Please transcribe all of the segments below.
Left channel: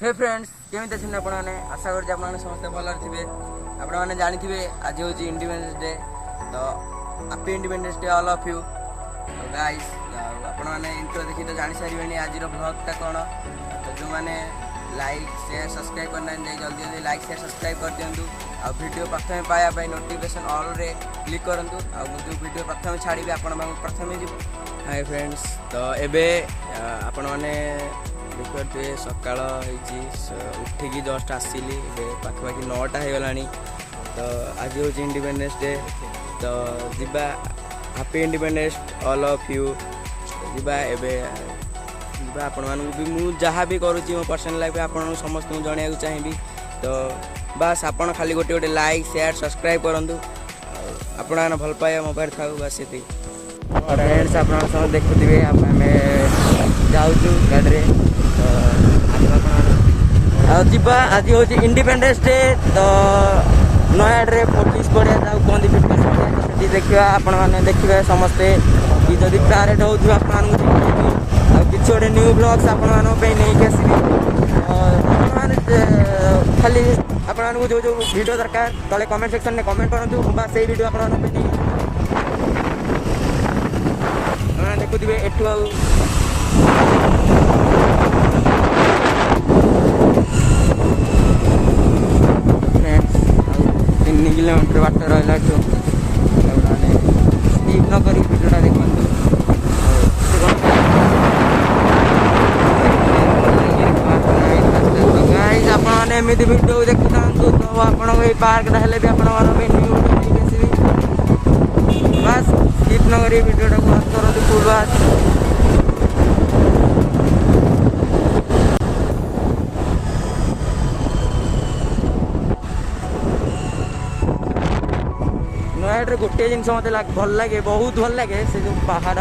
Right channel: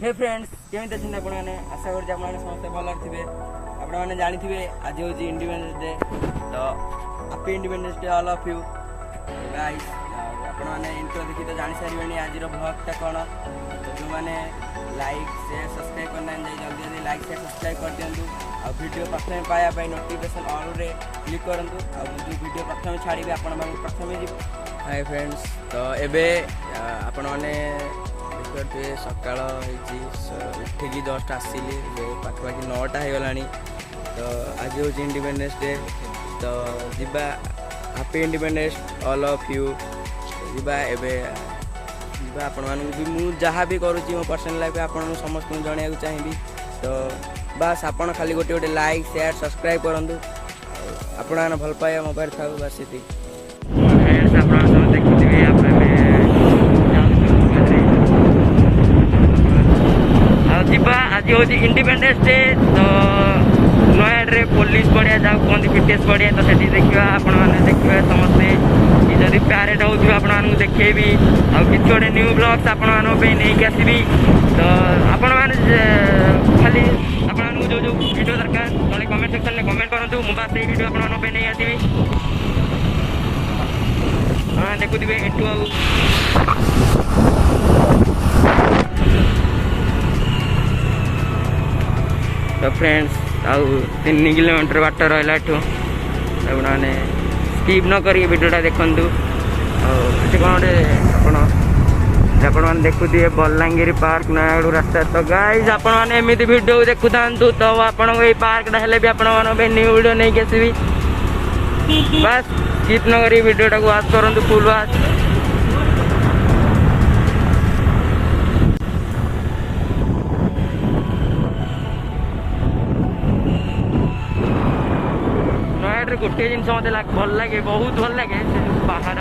हे friends केमी अच्छे आपने आशा कर समस्त भल थे आपने जानी आज हूँ इंडिपेंडेंस डे तो happy independence day all of you guys आपने इंट्रो देखी तो जानी सारे आज ब्लॉगटा कौन तो जो मैंने लाइक शेयर सब्सक्राइब करना जल्दी जल्दी लाइक शेयर सब्सक्राइब कर दिंतु आ वीडियो प्रथम पाया नोटिफिकेशन ऑल रे क्लिक करूँ जो वीडियो प्रथम छाड़ी आपण प्रथम जी हाय फ्रेंड्स तो एबे आपण मैंने देखिए सकाल उठिकी जस्ट आसिली पाखापाखि 9टा हो गला तो आज हूँ इंडिपेंडेंस डे तो जीवा happy independence all of you जीवा एवं आपण मानू भी जहाँ भी करुँच मो पर्सनल लाइफ आपण समस्त जन चाहिए तो बस आपण खाली गोटे गोटे लाइक शेयर सब्सक्राइब करूँ आपण भल पाए मोबाइल था बस ये फ्रेंड्स आप देखिए आप जावा आज हूँ इंडिपेंडेंस डे तो नयाडे पुलिस पड़िया जहाँ कहते फिटनेस पड़िया तो सेठी देखा आपण मैंने देखिए समस्ते जदि प्यारेड हो देखेबी आ कि गोटे न्यू ब्लॉग्स आपण नहीं आसबि तो आपण मैंने खाली आपण जो जो वीडियो दरकार तले कमेंट सेक्शन में कमेंट करूँ मुझे से वीडियो आपण नहीं आसबि हाँ देखुवे एठू तो फ्रेंड्स आउ 3 किलोमीटर बाट रहा आपने स्किप न कर वीडियोटा देखूँ कौन देखुए बलांगीर पार्क नयागढ़ रास्ता तो गाइज आपने एमती वीडियो देखु था तो आपन पार्कटा हेल्ले भी आपण न्यू वीडियो नहीं आसबि बस स्किप न कर वीडियोटा को वाच करूँ फुल वाच नयागढ़ गोटे जिन मत भल लगे बहुत भल लगे से जो पहाड़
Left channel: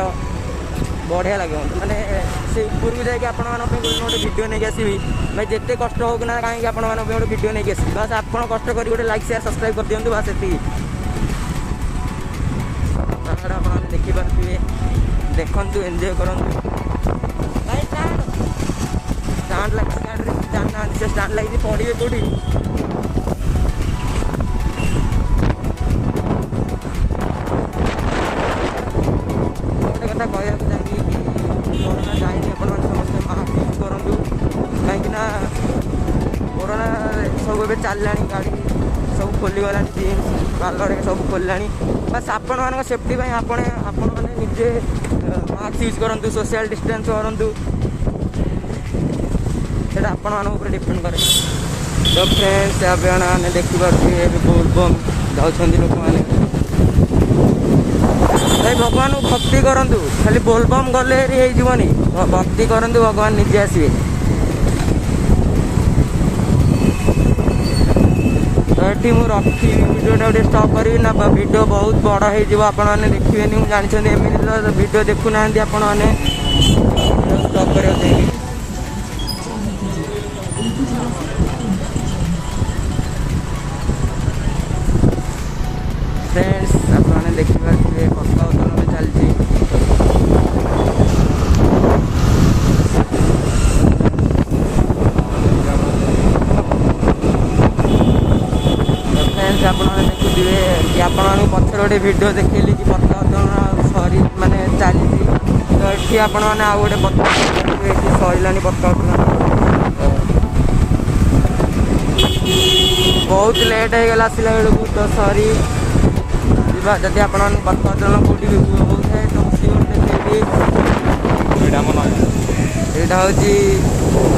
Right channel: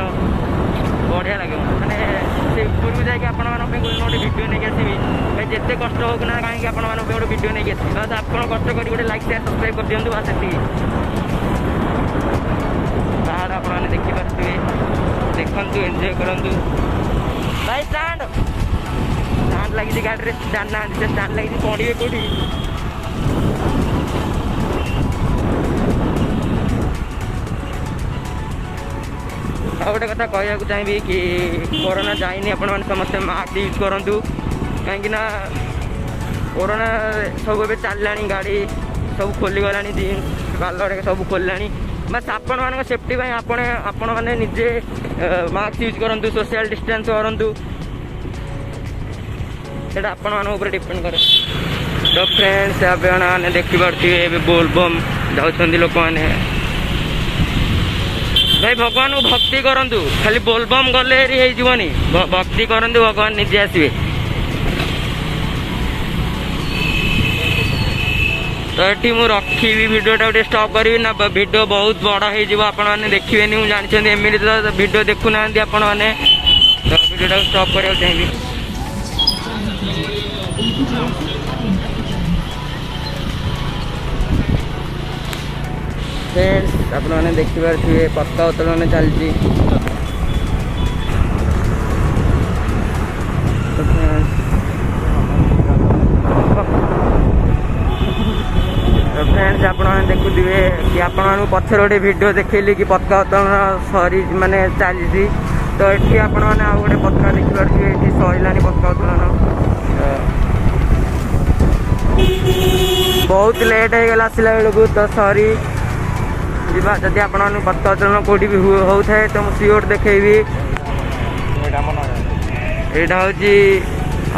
बढ़िया लगे मैंने से ऊपर जाकि गोटे वीडियो नहीं आसबि मैं जिते कष्ट हो ना कहीं आप गोटे वीडियो नहीं आसबि बस आप कष्ट कर गोटे लाइक शेयर सब्सक्राइब कर दिखाँ बस ये पहाड़ आपने देखिपे देखु एंजॉय करूँ भाई स्टांड लगी गाड़ी में स्टांड ना से स्टांड लगी पड़े कौटी गोटे कथा कहूँ चाहिए कि कोरोना जाइनी आपण मैंने समस्त मास्क यूज करूँ कहीं कोरोना सब ए चलला गाड़ी सब खोलीगला जीन्स पार्लर सब खोलला बस आपण मान सेफ्टी आपण मैंने निजे मास्क यूज करूँ सोशल डिस्टेंस करूँ से आपण डिपेंड करे तो फ्रेंड्स आपने देखिपे बोलबम जाऊँ लोक मैंने भाई भगवान को भक्ति करूँ खाली बोलबम गले होनी भक्ति करूँ भगवान निजे आसवे तो ये मुझे रखी वीडियोटा गोटे स्टॉप करी ना वीडियो बहुत बड़ा हो देखिए मुझे जानते एमती तो वीडियो देखुना आपण मैंने वीडियो स्टॉप करने चाहिए फ्रेंड्स आपने देखिए पताका उत्तोलन चलती तो फ्रेंड्स आपने देखुए कि आपको पछर गोटे वीडियो देखली कि पताका उत्तोलन सरी माने चली तो ये आपने आउ गोटे पताका सरलानी पताका उत्तोलन बहुत लेट हो गला आसला बेलू तो सरी जदि आप पताका उत्तोलन कौटी भी होता है तो मुझे सियोर देखेबी यहाँ हूँ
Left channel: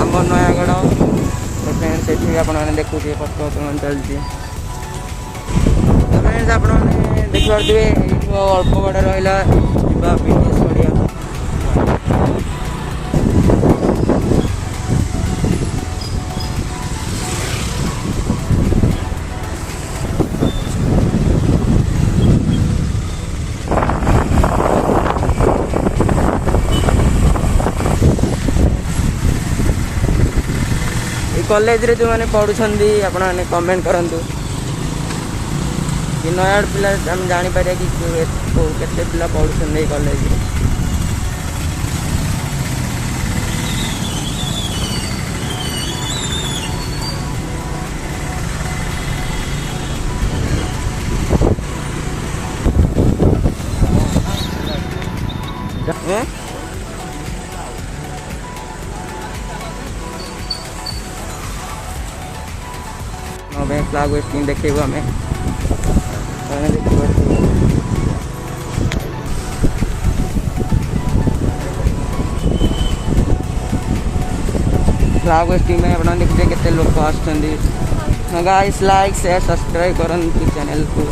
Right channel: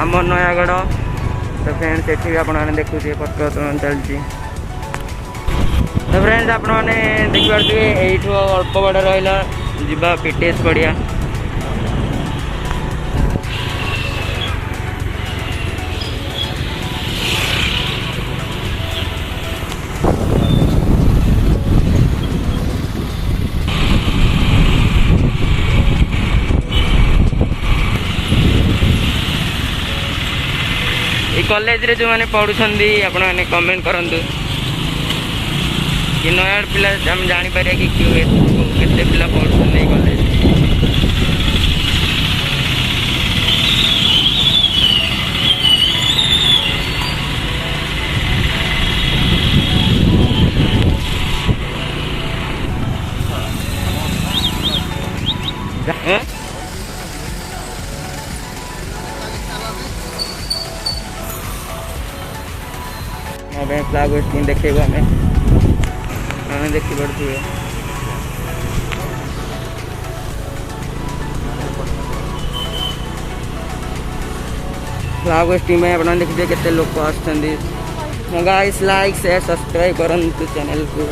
आम नयागढ़ तो फ्रेंड्स ये आपने देखुए पताका उत्तोलन चलती तो फ्रेंड्स आपने देखिए यू अल्प बड़ रहा जा फिटनेस पड़िया कॉलेज रे जो मैंने पढ़ुंदी आपने कमेंट करूँ कि नयागढ़ पिला आम जापर कि केते पिला पढ़ुं कॉलेज हैं फ्लैग होस्टिंग देखो आम देखिपे फ्लैग होस्टिंग में आप देखिए केते लोक आसुँच गाइस लाइक शेयर सब्सक्राइब करंतु चैनल को।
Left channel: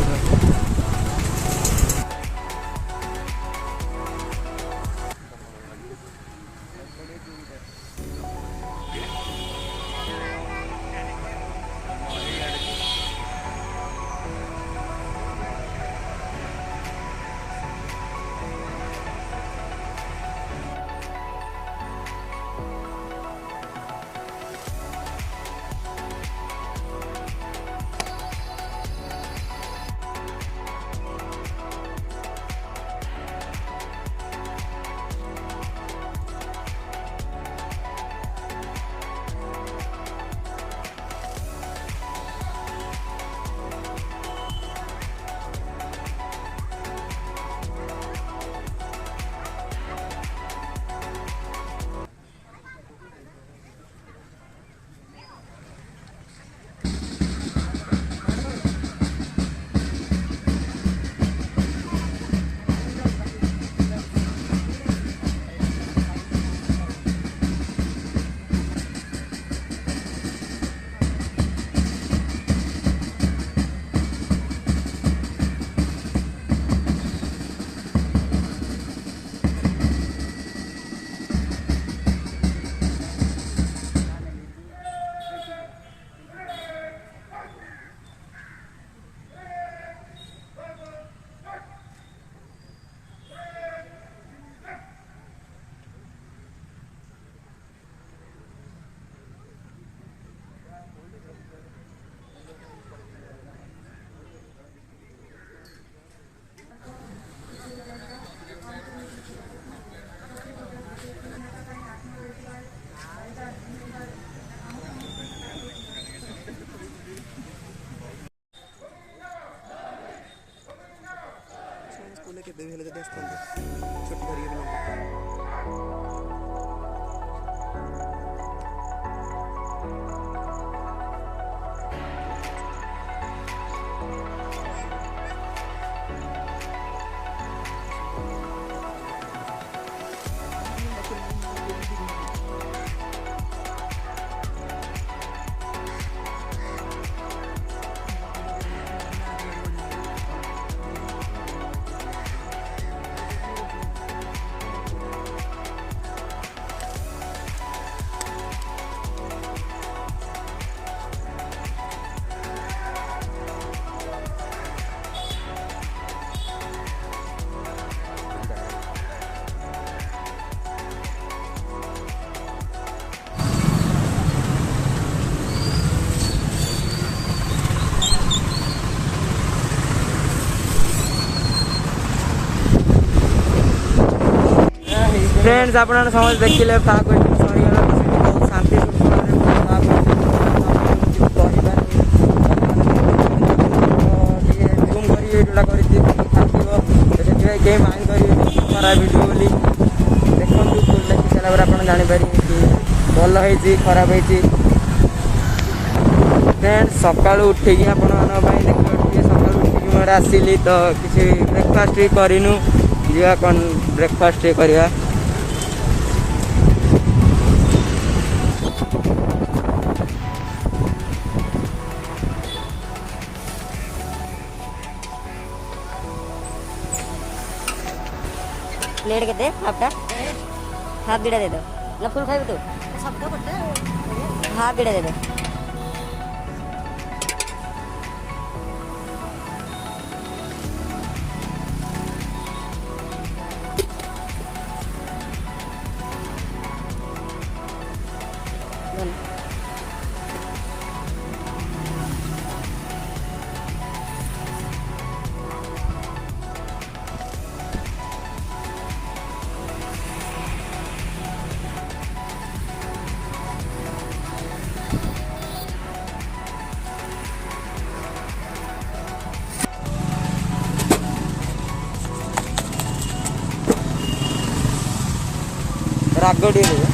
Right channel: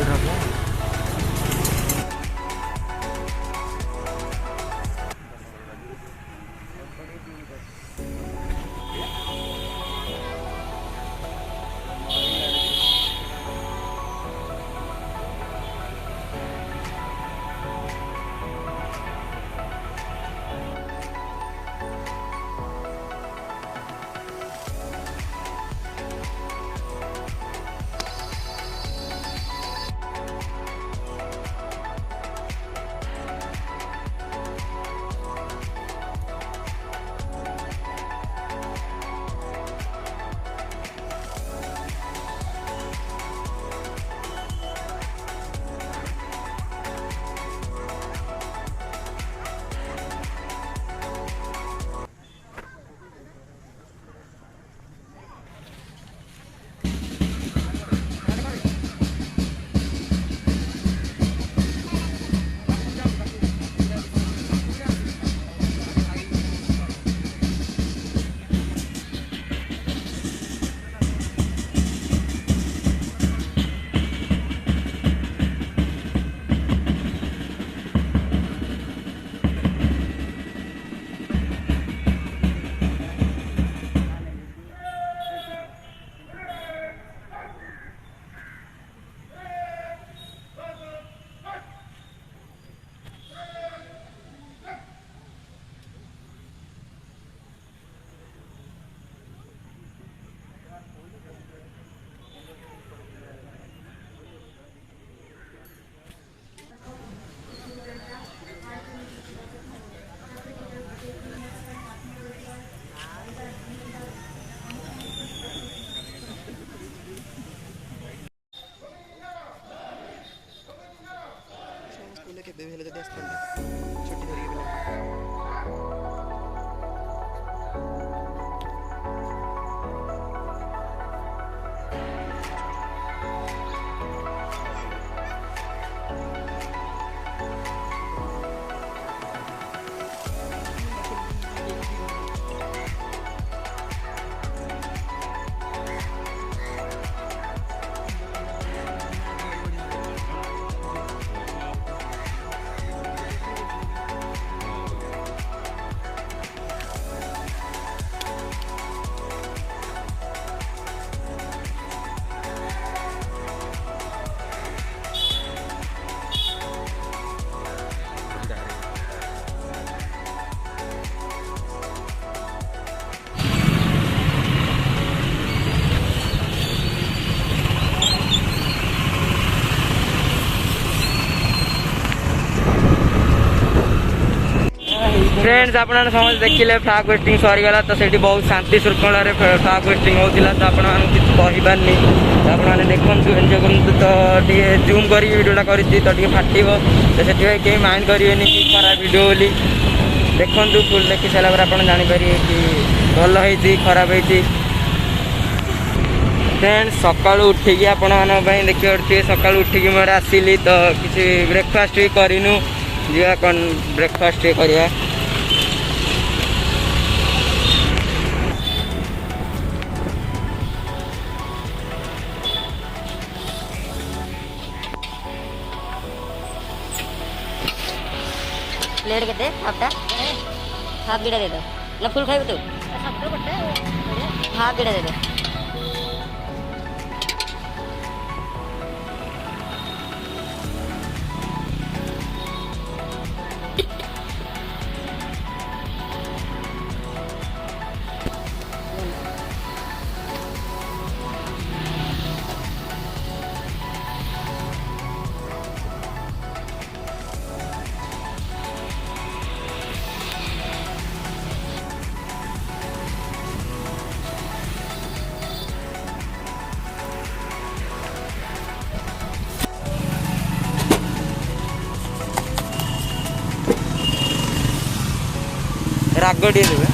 फ्रेंड्स आप समझ देखिले फ्लैग होस्टिंग सरीगला तो सेठी बहुत शांति श्रृंखला फ्लैग होस्टिंग होता तो आपनी तो आपने देखु एंजॉय करूँ तो टे जूम कर वीडियोटा कर तो फाटव तो से कहीं माइंड करेंगे कि खराब वीडियो बोली देखु फुल देखी सारापर आप जापर कि भल हो खराब हो। फ्रेंड्स सका उठिकी आपण देखिए सका उठिकी मोर आसली तो किसी ब्रेकफास्ट भी करूँ जा कौन ब्रेकफास्ट करवा प्लेट के हाफ दुटा दे दो ना फुल खाइबू तू हाफ दुटा दे दो। ରାଗ ଟିକେ ଦେବେ।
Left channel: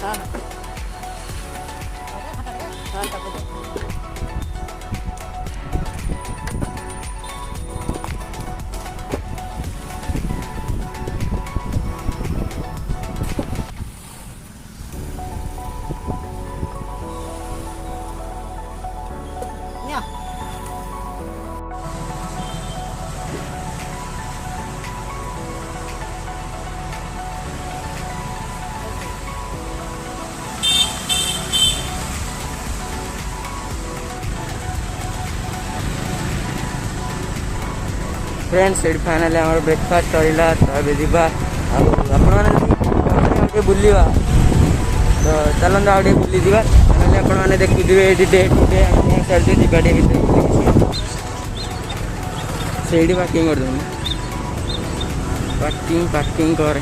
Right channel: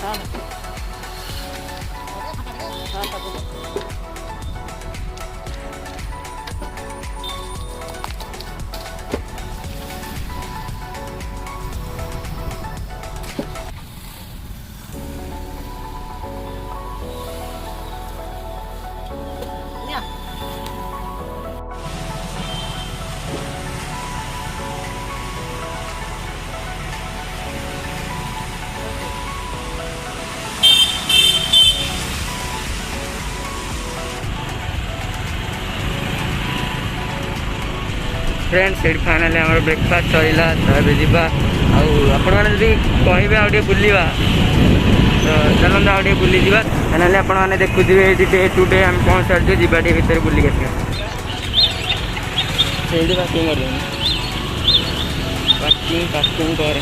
हाँ हाँ सब कुछ फ्रेंड्स ये फाइनाली आम ब्रेकफास्ट सरला तो ये जावा आपने कहे आगे बुलवा तो चलते आगे बुली जा फाइनाली आपने देखुए ये डे टू डे आम कौन सारी जावा टे भर बुलिक से पार्किंग कर पार्किंग पार्किंग कर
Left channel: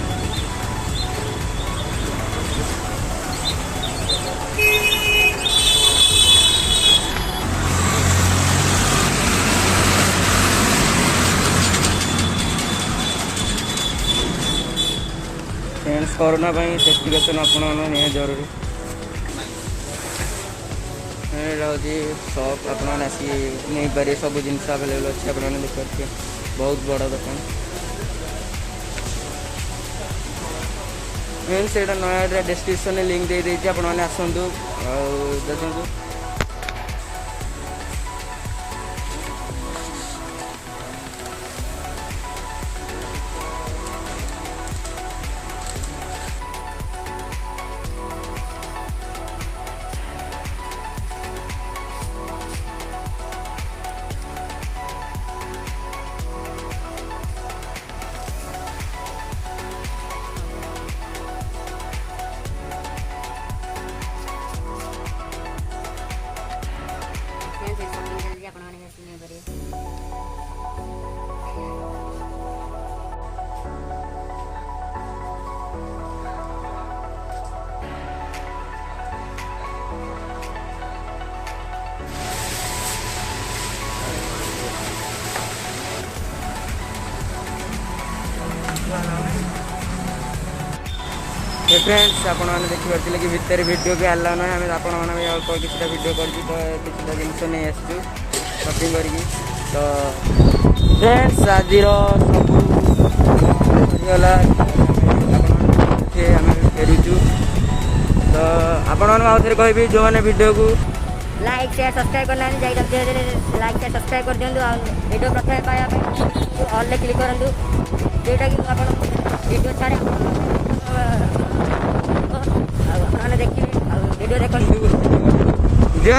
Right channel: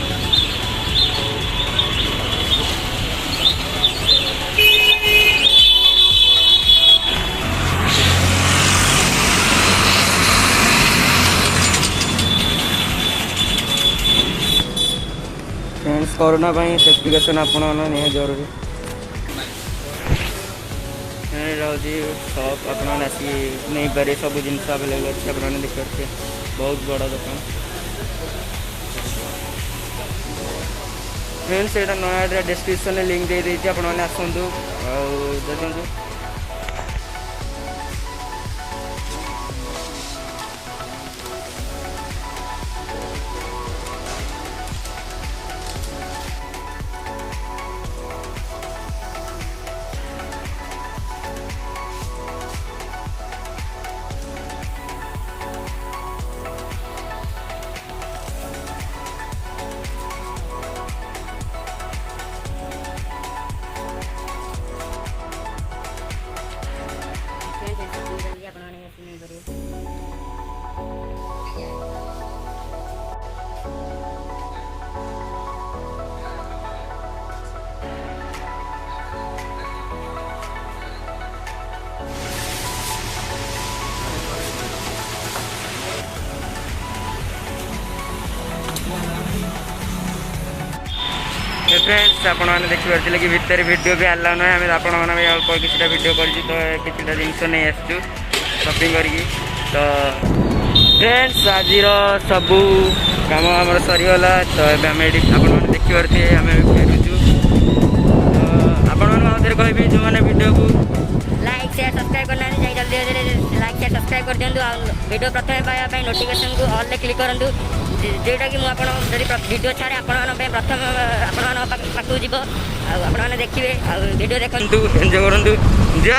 फ्रेंड्स कोरोना सेफ्टिकेशन आप जरूरी रही सप आपने आसिक नहीं पारे सब जिनस आवेलेबल अच्छे आपने देखिए बहुत बड़ दुकान फ्रेंड्स यहाँ नया डिस्क्रिप्शन में लिंक दे देती आपने आसतु देखु फ्रेंड्स आपने देखिए कि भितर वीडियो भी आला ना आम आपण अल्प किसी वीडियो कर किसी जिनस नहीं आसचु शॉपिंग करी तो फ्रेंड्स आज सबू काम आम सरीगला तो आम देखिए आम फेरुचु तो आपे कहि जो मैंने वीडियो को लाइक शेयर सब्सक्राइब करना जल्दी जल्दी लाइक शेयर सब्सक्राइब कर दिंतु वीडियो प्रथम पाइबा नोटिफिकेशन को ऑल क्लिक करूँ जोटा कि मुझे वीडियो छाड़े प्रथम पाखक जीव आपने देखिए वीडियो देखते एंजॉय करूँ जा।